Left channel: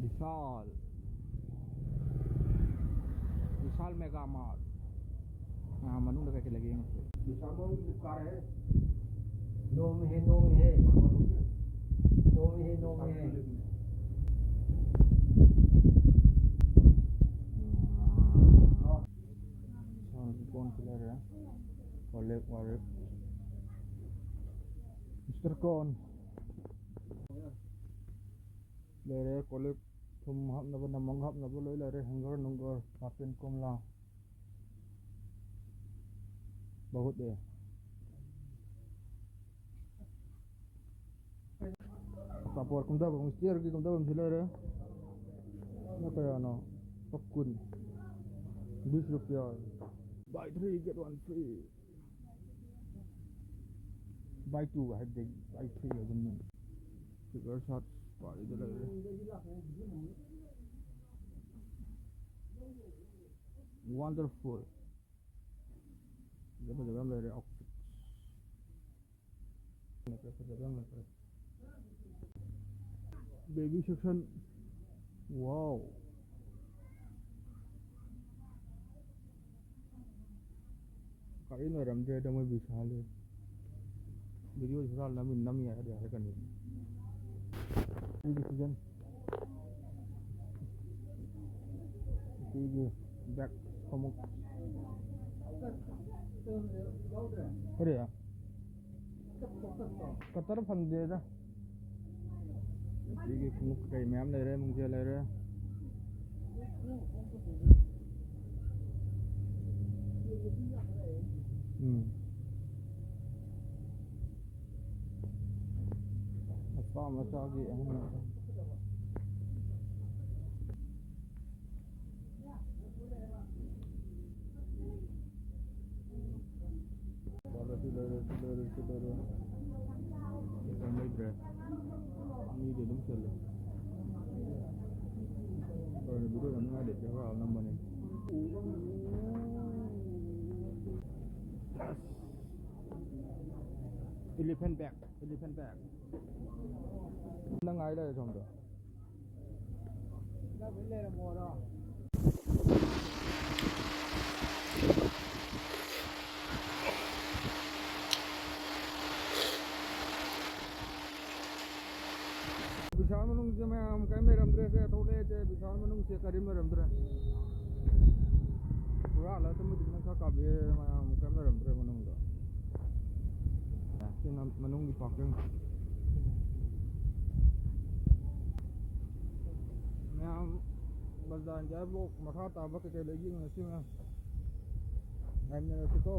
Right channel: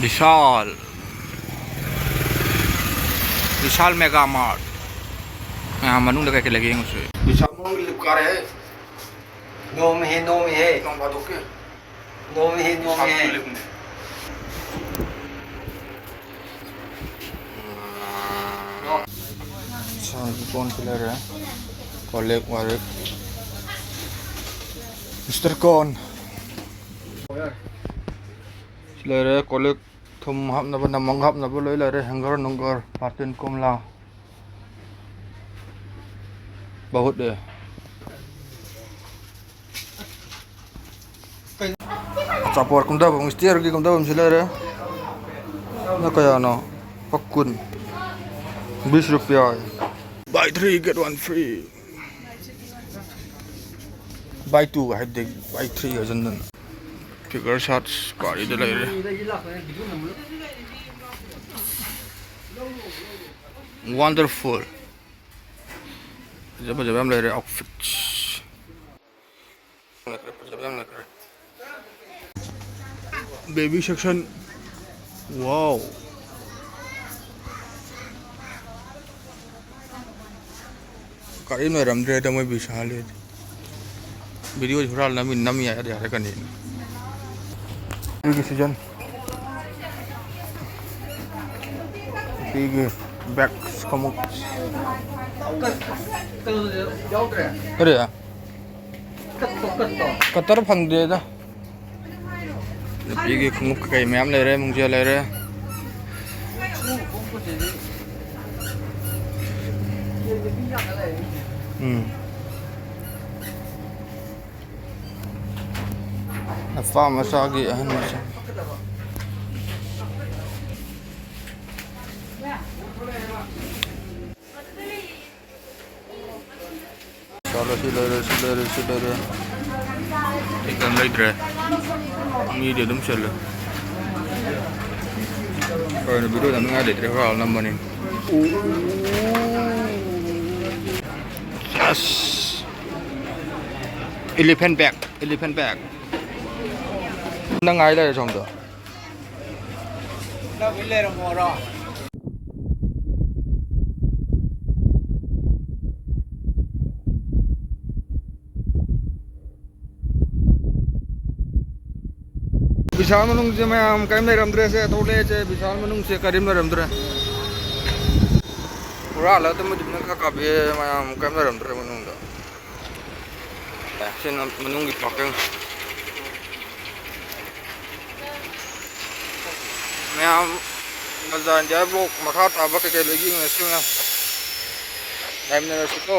विशाल विशाल mega mart यहाँ मनु लगा के लगे उसे विशाल मनु की लिपकार है नो में है नौ बातों के नो में है कौन खिला रहा है कॉलेज वाले मिस्टर कौन खिला रहा है कॉलेज थुम हम नब नमंग हम नब लोई ले रहे हैंगर नंगर पार्टिन कोमला बहुत है चापोर कुंदा बंग स्टीयर की कुंदा बंग खिला रहा है ना कया ना पक्कुन 20 रुपया buy 3 get 1 free buy 2 I think buy 3 है जंदन figure shots गाड़ी दे ले रहे wonderful जब हम ले रहे outfits baby section wow गाड़ी में रम रहे थे मैं विशाल है वीडियो छुड़ा नमी नमी आया यार करने की सीजन बिग बैक्स कमुक अरे यार कतर फंग दे दा बिग कमुक कई मैम ले रहे मुझे ले रहे Farm masagi ahan masa. Salah sila. Ikan later. Ini dia dum sila. Kalau nak biru nak ada terhal nama ni. Yes. Elephant bag. Nang ai đây trong đó. Nó bị lên mùa rồi. विशाल मनुंग से मैं हम करीम रमद्रे से थोड़े से विशाल मनुंग से करीम रमद्रे पूरा हालत में जितना का काफी मैं हम करीम रमद्रे मनुंग दा एक्शन मनुंग की पाकें मैं हम मज़ा जाए वो मखा ताबक के लगी में ऐसे में टाइम ने रखो